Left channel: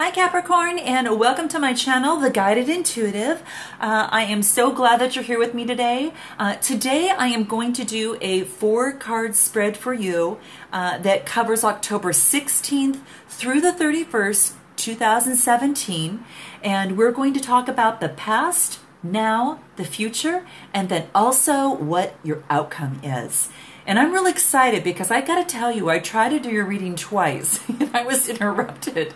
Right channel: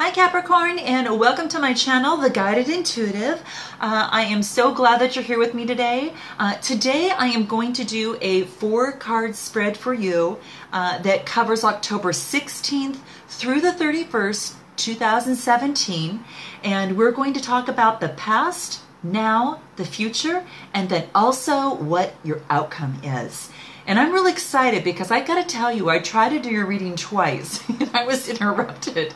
Hi Capricorn, and welcome to my channel, The Guided Intuitive. I am so glad that you're here with me today. Today I am going to do a 4-card spread for you that covers October 16th through the 31st, 2017. And we're going to talk about the past, now, the future, and then also what your outcome is. And I'm really excited because I gotta tell you, I tried to do your reading twice and I was interrupted.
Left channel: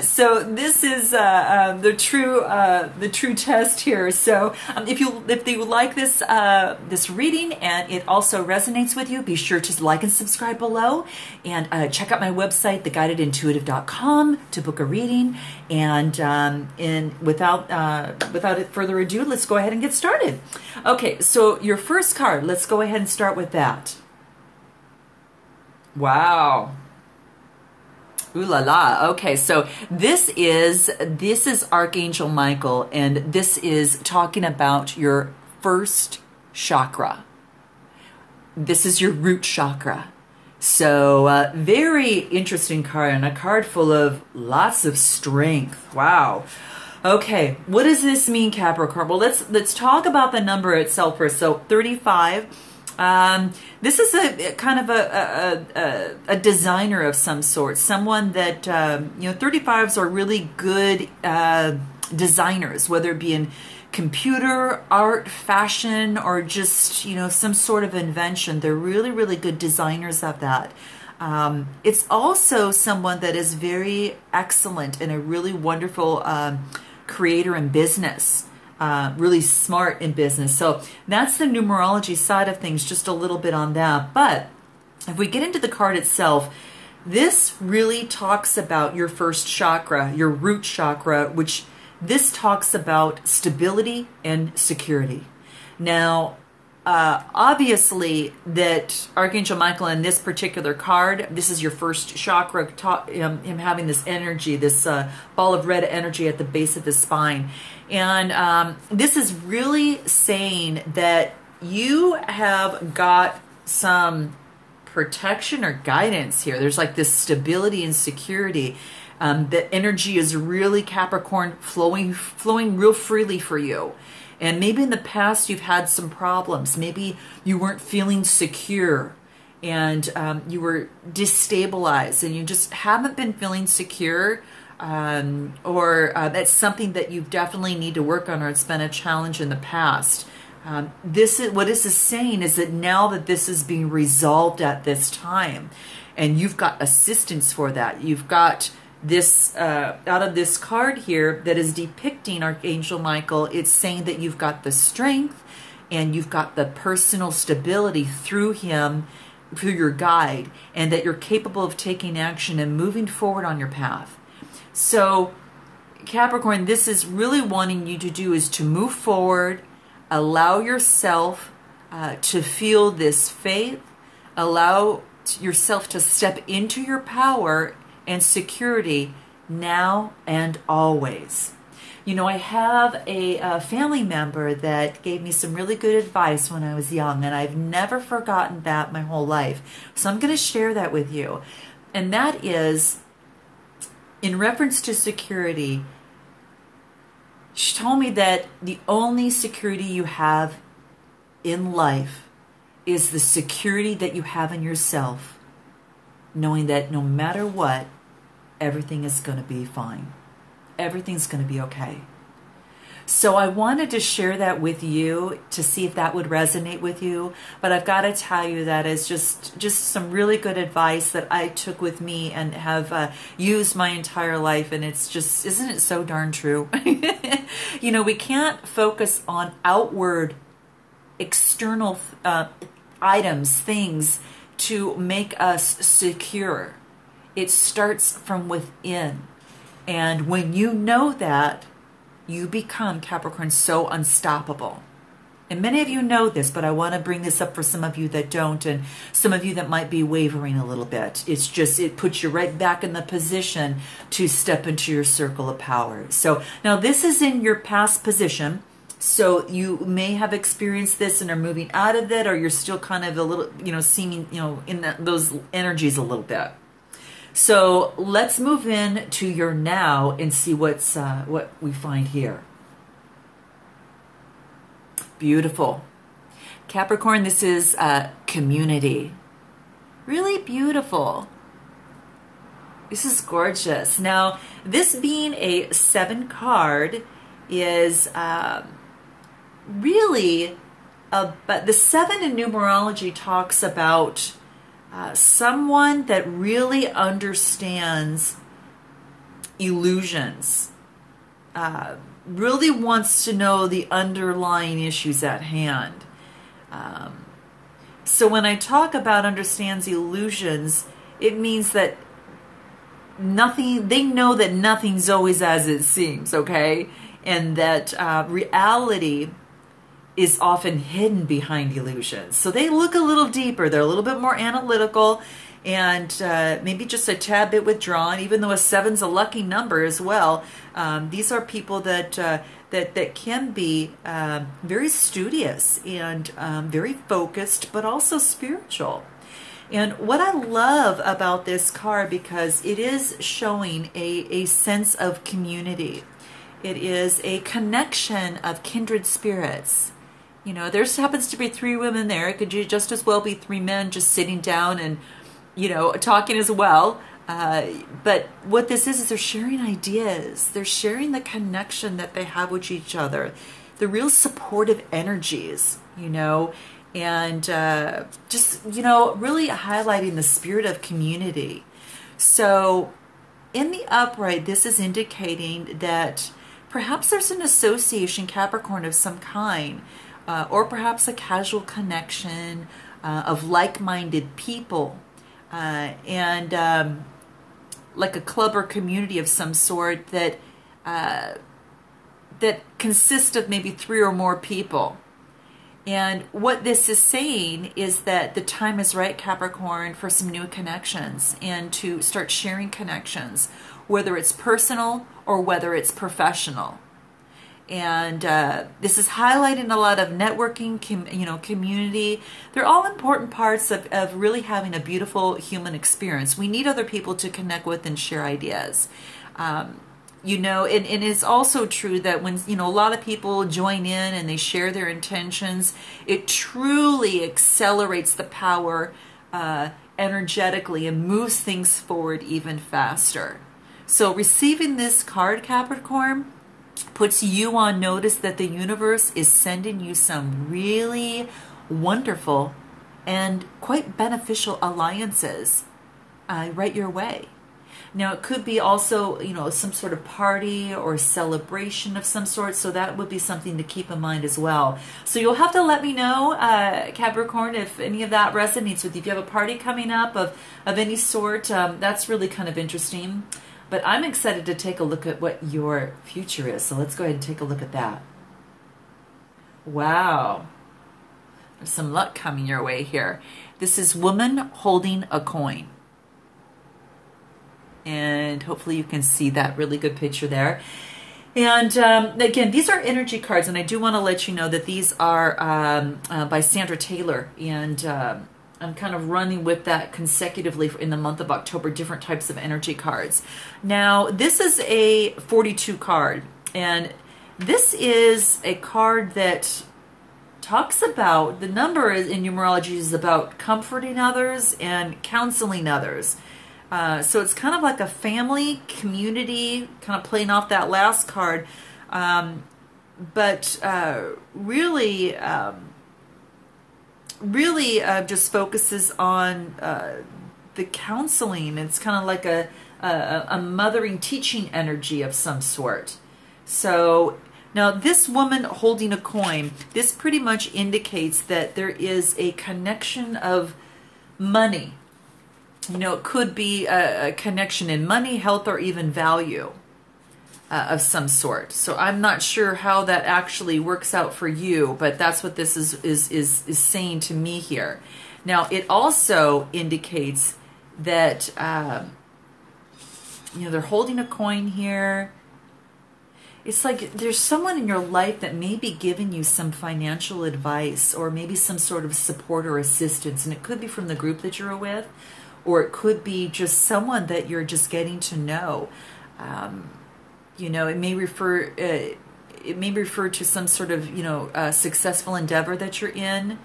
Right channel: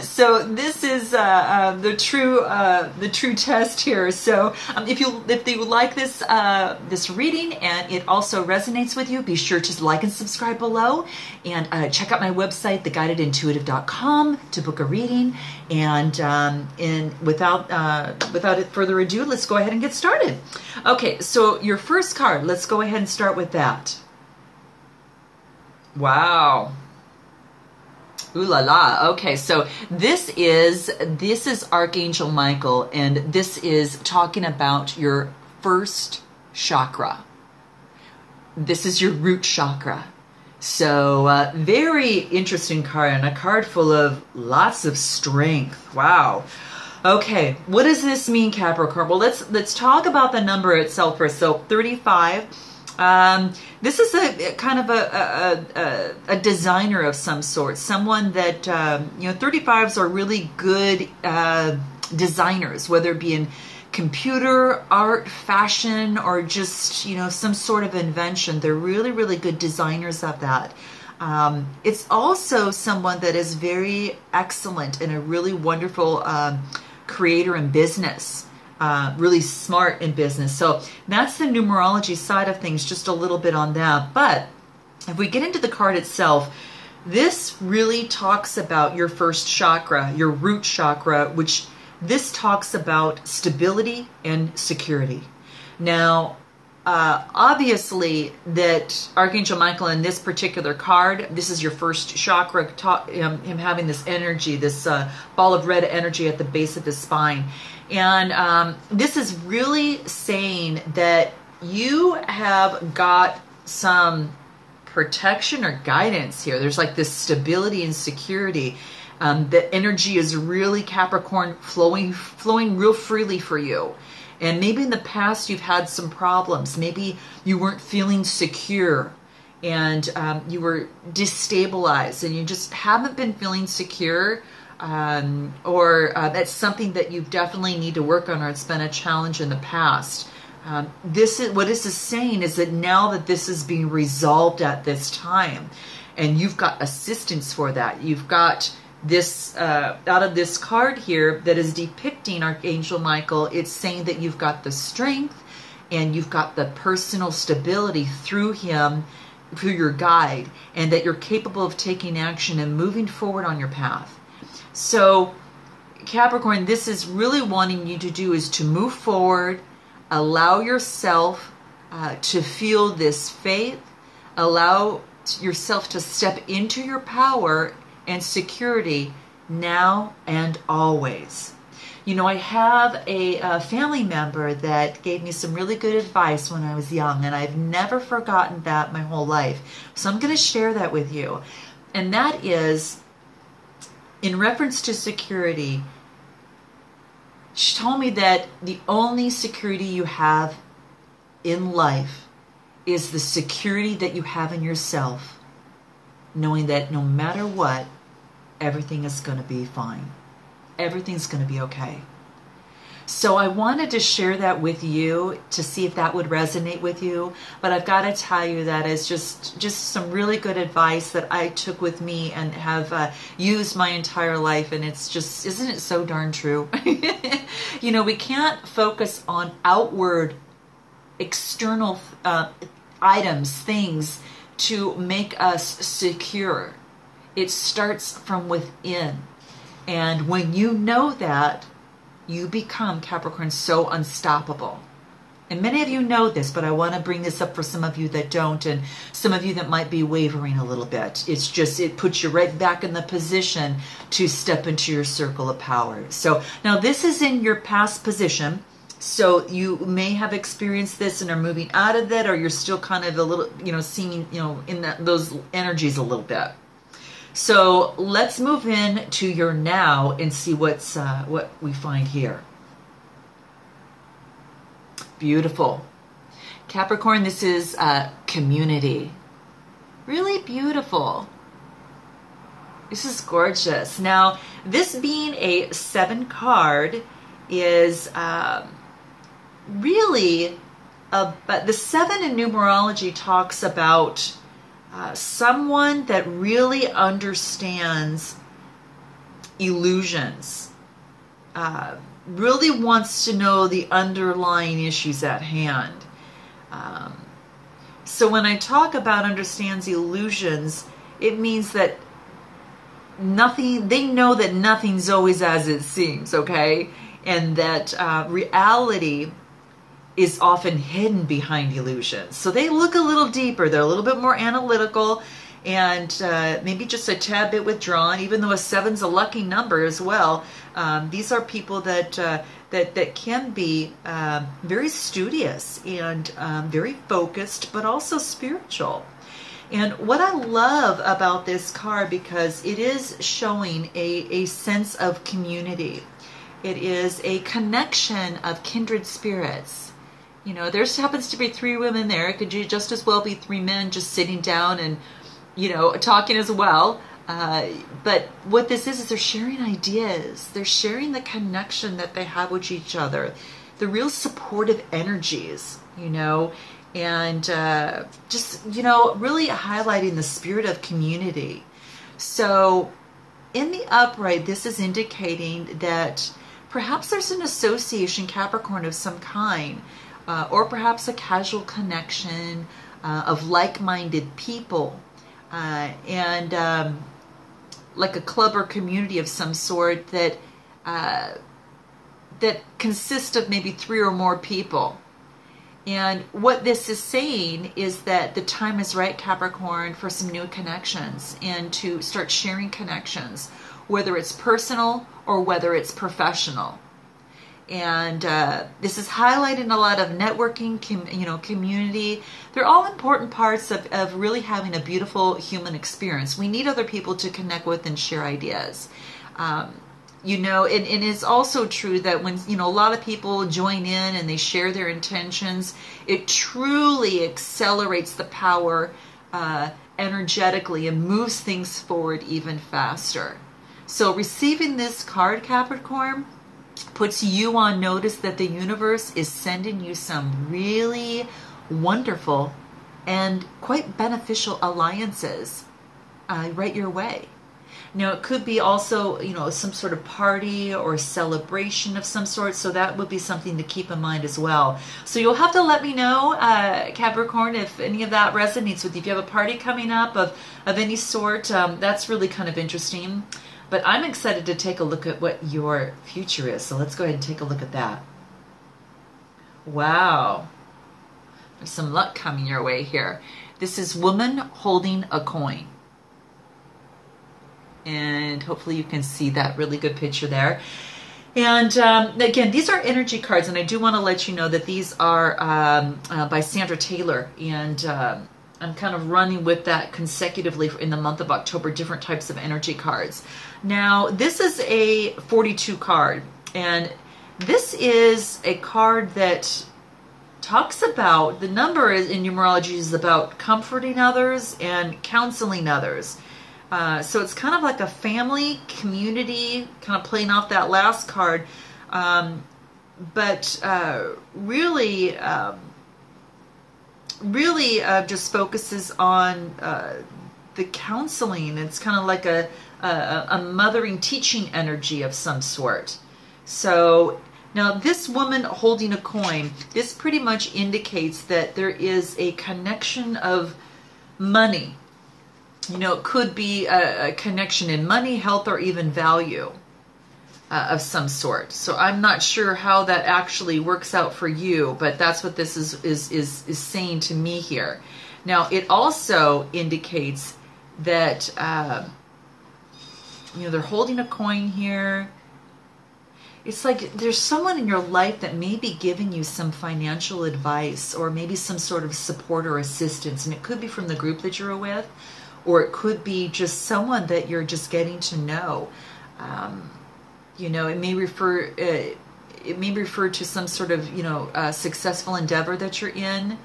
So this is the true test here. So if you like this reading and it also resonates with you, be sure to like and subscribe below, and check out my website, theguidedintuitive.com, to book a reading. And without further ado, let's go ahead and get started. Okay, so your first card, let's go ahead and start with that. Wow. Ooh la la. Okay, so this is Archangel Michael, and this is talking about your first chakra. This is your root chakra. So very interesting card, and a card full of lots of strength. Wow. Okay, what does this mean, Capricorn? Well, let's talk about the number itself first. So 35. This is a kind of a designer of some sort, someone that 35s are really good designers, whether it be in computer, art, fashion, or just some sort of invention. They're really good designers of that. It's also someone that is very excellent and a really wonderful creator in business. Really smart in business. So that's the numerology side of things, just a little bit on that. But if we get into the card itself, this really talks about your first chakra, your root chakra, which this talks about stability and security. Now, obviously that Archangel Michael in this particular card, this is your first chakra, him having this energy, this ball of red energy at the base of the spine. And this is really saying that you have got some protection or guidance here. There's like this stability and security. The energy is really, Capricorn, flowing real freely for you. And maybe in the past you've had some problems. Maybe you weren't feeling secure, and you were destabilized, and you just haven't been feeling secure, or that's something that you definitely need to work on, or it's been a challenge in the past. What this is saying is that now that this is being resolved at this time, and you've got assistance for that, you've got this out of this card here that is depicting Archangel Michael, it's saying that you've got the strength and you've got the personal stability through him, through your guide, and that you're capable of taking action and moving forward on your path. So Capricorn, this is really wanting you to do is to move forward, allow yourself to feel this faith, allow yourself to step into your power and security now and always. I have a family member that gave me some really good advice when I was young, and I've never forgotten that my whole life. So I'm going to share that with you. And that is, in reference to security, she told me that the only security you have in life is the security that you have in yourself, knowing that no matter what, everything is going to be fine. Everything's going to be okay. So I wanted to share that with you to see if that would resonate with you. But I've got to tell you that it's just some really good advice that I took with me and have used my entire life. And it's just, isn't it so darn true? We can't focus on outward, external items, things to make us secure. It starts from within. And when you know that, you become, Capricorn, so unstoppable. And many of you know this, but I want to bring this up for some of you that don't, and some of you that might be wavering a little bit. It's just, it puts you right back in the position to step into your circle of power. So now this is in your past position. So you may have experienced this and are moving out of it, or you're still kind of a little, seeming, in those energies a little bit. So let's move in to your now and see what we find here. Beautiful. Capricorn, this is community. Really beautiful. This is gorgeous. Now, this being a 7 card is really, but the 7 in numerology talks about someone that really understands illusions, really wants to know the underlying issues at hand. So when I talk about understands illusions, it means that they know that nothing's always as it seems, okay? And that reality is often hidden behind illusions. So they look a little deeper. They're a little bit more analytical and maybe just a tad bit withdrawn, even though a 7's a lucky number as well. These are people that that can be very studious and very focused, but also spiritual. And what I love about this card, because it is showing a sense of community. It is a connection of kindred spirits. You know, there happens to be 3 women there. It could just as well be 3 men just sitting down and, you know, talking as well. But what this is they're sharing ideas. They're sharing the connection that they have with each other. The real supportive energies, you know, and just, you know, really highlighting the spirit of community. So in the upright, this is indicating that perhaps there's an association, Capricorn, of some kind, or perhaps a casual connection of like-minded people, and like a club or community of some sort that that consists of maybe 3 or more people. And what this is saying is that the time is right, Capricorn, for some new connections and to start sharing connections, whether it's personal or whether it's professional. And this is highlighting a lot of networking, community. They're all important parts of really having a beautiful human experience. We need other people to connect with and share ideas. You know, and it's also true that when, you know, a lot of people join in and they share their intentions, it truly accelerates the power energetically and moves things forward even faster. So receiving this card, Capricorn, puts you on notice that the universe is sending you some really wonderful and quite beneficial alliances right your way. Now, it could be also, you know, some sort of party or celebration of some sort, so that would be something to keep in mind as well. So you'll have to let me know, Capricorn, if any of that resonates with you. If you have a party coming up of any sort, that's really kind of interesting. But I'm excited to take a look at what your future is, so let's go ahead and take a look at that. Wow. There's some luck coming your way here. This is woman holding a coin. And hopefully you can see that really good picture there. And again, these are energy cards, and I do want to let you know that these are by Sandra Taylor, and I'm kind of running with that consecutively in the month of October, different types of energy cards. Now, this is a 42 card, and this is a card that talks about, the number in numerology is about comforting others and counseling others. So it's kind of like a family, community, kind of playing off that last card, but really just focuses on the counseling. It's kind of like a mothering, teaching energy of some sort. So now this woman holding a coin, this pretty much indicates that there is a connection of money. You know, it could be a connection in money, health, or even value of some sort. So I'm not sure how that actually works out for you, but that's what this is saying to me here. Now, it also indicates that, you know, they're holding a coin here. It's like there's someone in your life that may be giving you some financial advice or maybe some sort of support or assistance, and it could be from the group that you're with, or it could be just someone that you're just getting to know. You know, it may refer to some sort of, you know, successful endeavor that you're in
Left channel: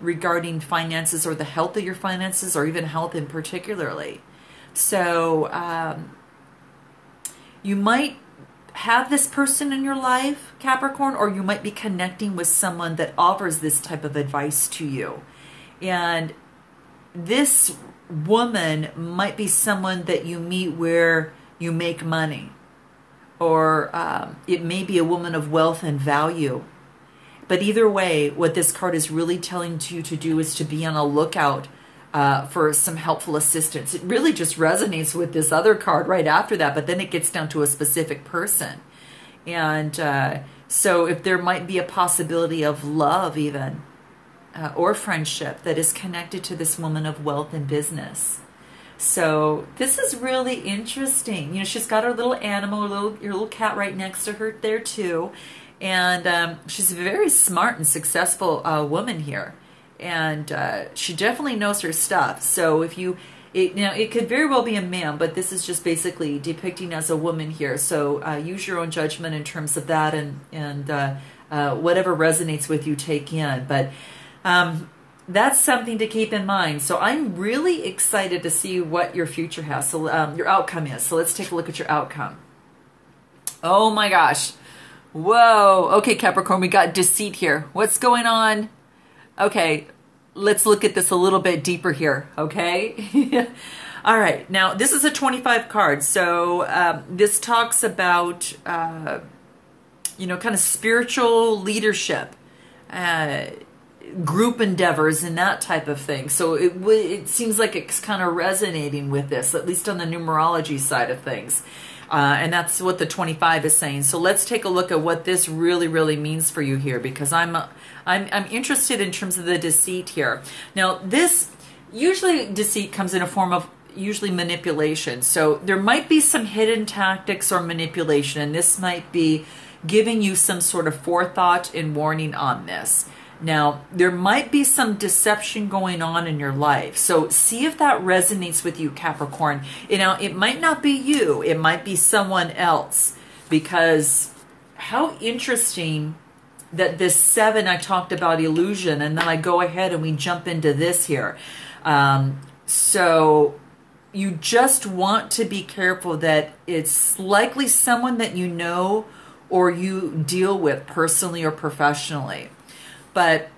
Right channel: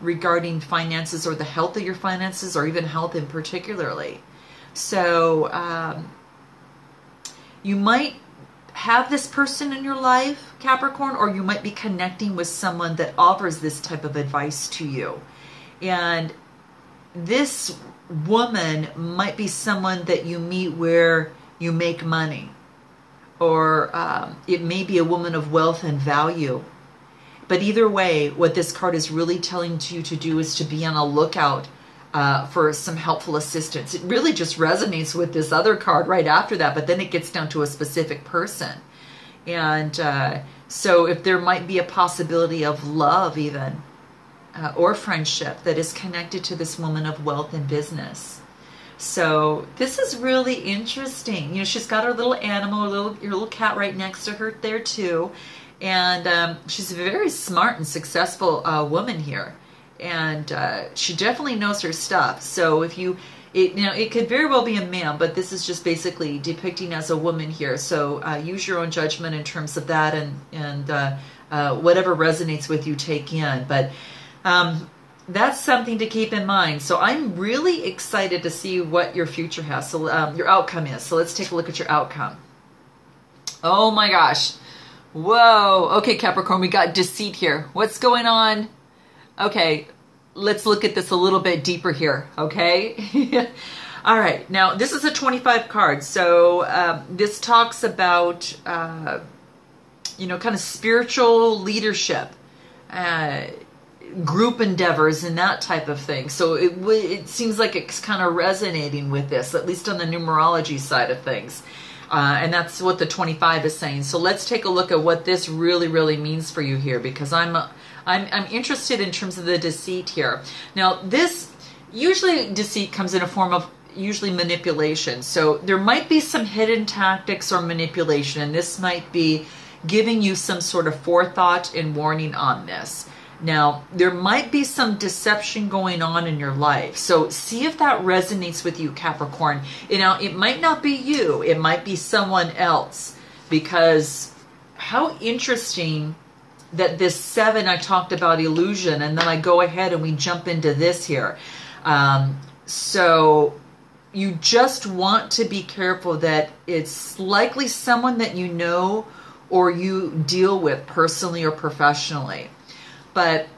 regarding finances or the health of your finances, or even health in particularly. So you might have this person in your life, Capricorn, or you might be connecting with someone that offers this type of advice to you. And this woman might be someone that you meet where you make money, or it may be a woman of wealth and value. But either way, what this card is really telling you to do is to be on a lookout for some helpful assistance. It really just resonates with this other card right after that, but then it gets down to a specific person. And so if there might be a possibility of love even, or friendship that is connected to this woman of wealth and business. So this is really interesting. You know, she's got her little animal, your little cat right next to her there too. And she's a very smart and successful woman here. And she definitely knows her stuff. So if you know, it could very well be a man, but this is just basically depicting as a woman here. So use your own judgment in terms of that, and whatever resonates with you, take in. But that's something to keep in mind. So I'm really excited to see what your future has. So your outcome is. So let's take a look at your outcome. Oh my gosh. Whoa. Okay, Capricorn, we got deceit here. What's going on? Okay, let's look at this a little bit deeper here, okay? All right, now this is a 25 card. So this talks about, you know, kind of spiritual leadership, group endeavors and that type of thing. So it seems like it's kind of resonating with this, at least on the numerology side of things. And that's what the 25 is saying. So let's take a look at what this really, really means for you here, because I'm interested in terms of the deceit here. Now, this usually deceit comes in a form of usually manipulation. So there might be some hidden tactics or manipulation, and this might be giving you some sort of forethought and warning on this. Now, there might be some deception going on in your life. So see if that resonates with you, Capricorn. You know, it might not be you. It might be someone else. Because how interesting that this 7, I talked about illusion, and then I go ahead and we jump into this here. So you just want to be careful that it's likely someone that you know or you deal with personally or professionally. But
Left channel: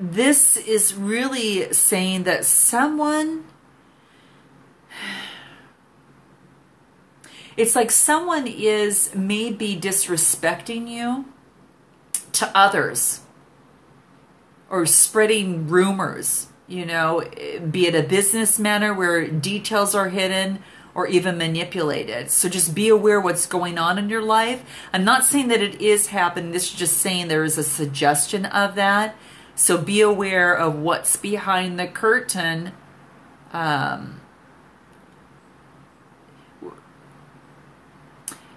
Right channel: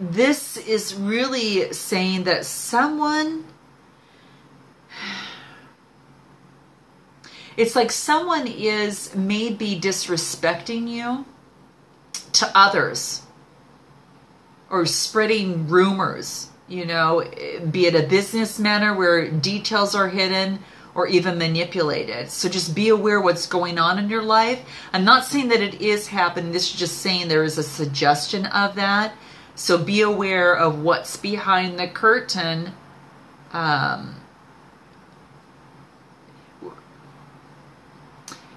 this is really saying that someone, it's like someone is maybe disrespecting you to others, or spreading rumors, you know, be it a business manner where details are hidden, or even manipulated. So just be aware what's going on in your life. I'm not saying that it is happening. This is just saying there is a suggestion of that. So be aware of what's behind the curtain.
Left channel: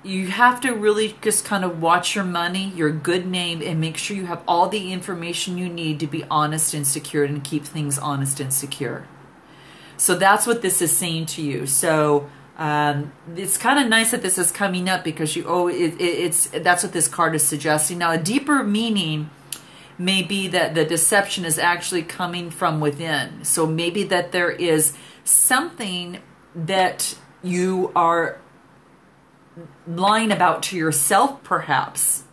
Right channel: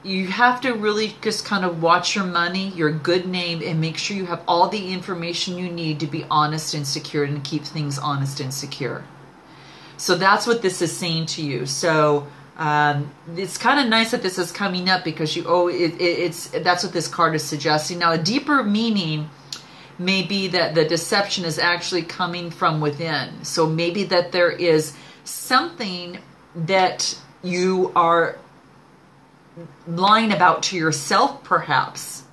You have to really just kind of watch your money, your good name, and make sure you have all the information you need to be honest and secure, and keep things honest and secure. So that's what this is saying to you. So it's kind of nice that this is coming up, because that's what this card is suggesting. Now, a deeper meaning may be that the deception is actually coming from within. So maybe that there is something that you are lying about to yourself, perhaps.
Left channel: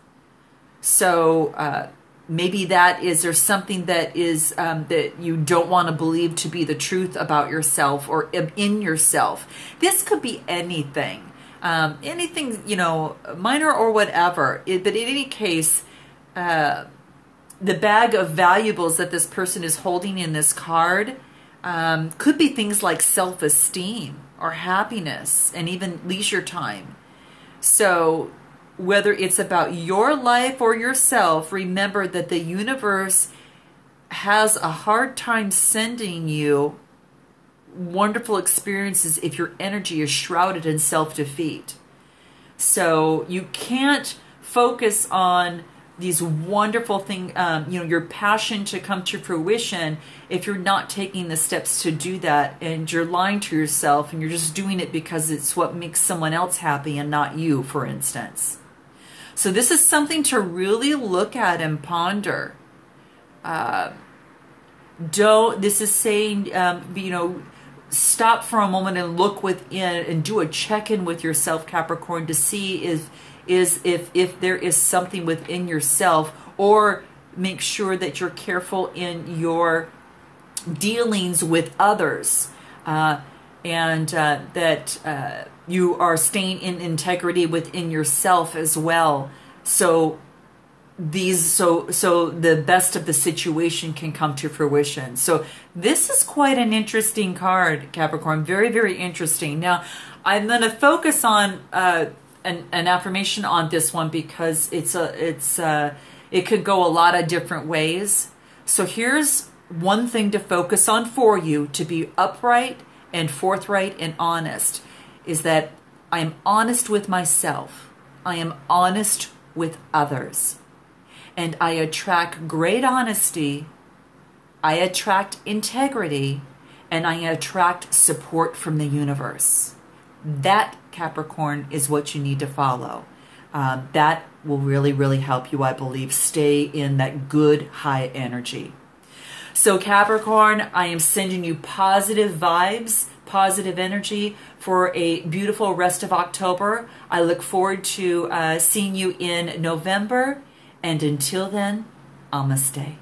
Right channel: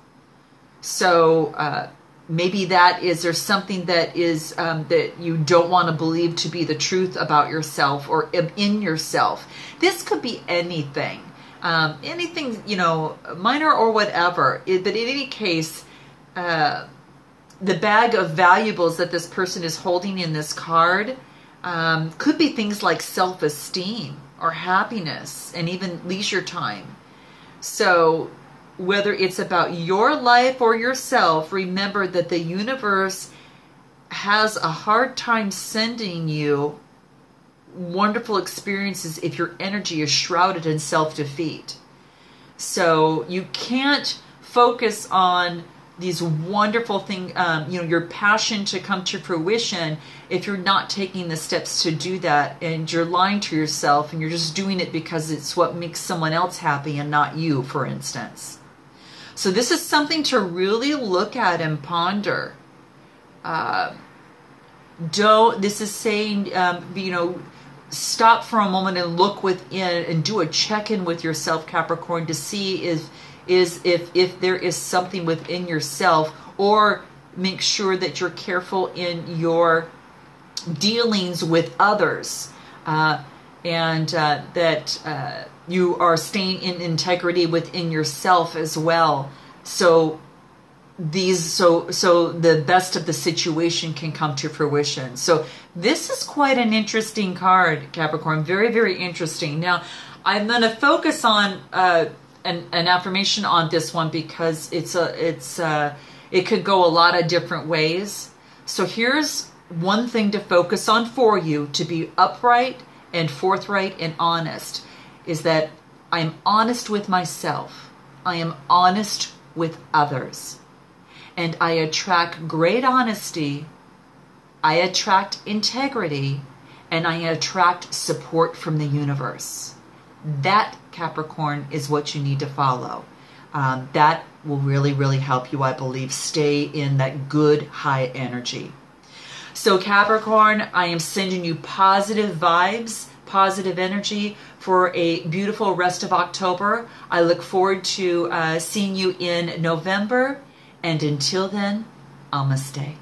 So maybe that is, there's something that is that you don't want to believe to be the truth about yourself or in yourself. This could be anything, anything, you know, minor or whatever. But in any case, the bag of valuables that this person is holding in this card could be things like self-esteem or happiness and even leisure time. So whether it's about your life or yourself, remember that the universe has a hard time sending you wonderful experiences if your energy is shrouded in self-defeat. So you can't focus on these wonderful things, your passion to come to fruition, if you're not taking the steps to do that, and you're lying to yourself and you're just doing it because it's what makes someone else happy and not you, for instance. So this is something to really look at and ponder. This is saying, stop for a moment and look within and do a check-in with yourself, Capricorn, to see if there is something within yourself, or make sure that you're careful in your dealings with others, and that you are staying in integrity within yourself as well. So the best of the situation can come to fruition. So this is quite an interesting card, Capricorn. Very, very interesting. Now, I'm going to focus on an affirmation on this one because it could go a lot of different ways. So here's one thing to focus on for you to be upright and forthright and honest, is that I'm honest with myself. I am honest with others. And I attract great honesty, I attract integrity, and I attract support from the universe. That, Capricorn, is what you need to follow. That will really, really help you, I believe, stay in that good, high energy. So, Capricorn, I am sending you positive vibes, positive energy for a beautiful rest of October. I look forward to seeing you in November. And until then, namaste.